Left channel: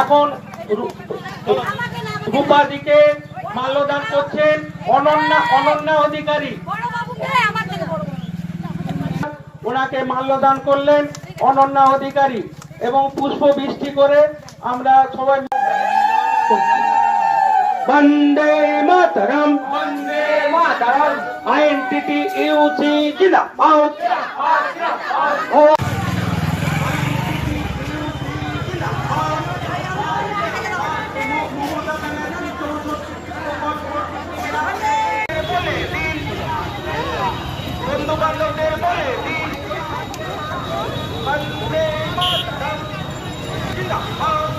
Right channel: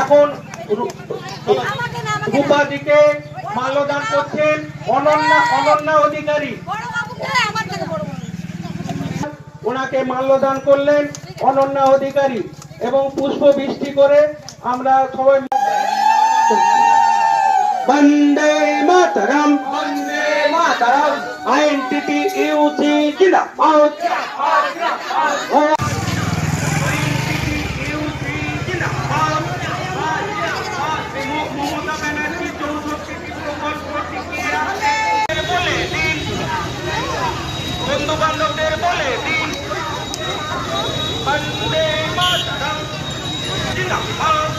এখন রূপাদিকে মাল্যদান করছেন অনন্যা অধিকারী। ওনাকে মাল্যদান করলেন অনন্যা অধিকারী এবং পুষ্প বৃষ্টি করে আমরা সবাই বন্দে মাতরম বন্দে মাতরম আইএনটিটি ইউসি জিন্দাবাদ। বন্ধু বান্ধবদের বলে দিন বন্দে মাতরম জিন্দাবাদ।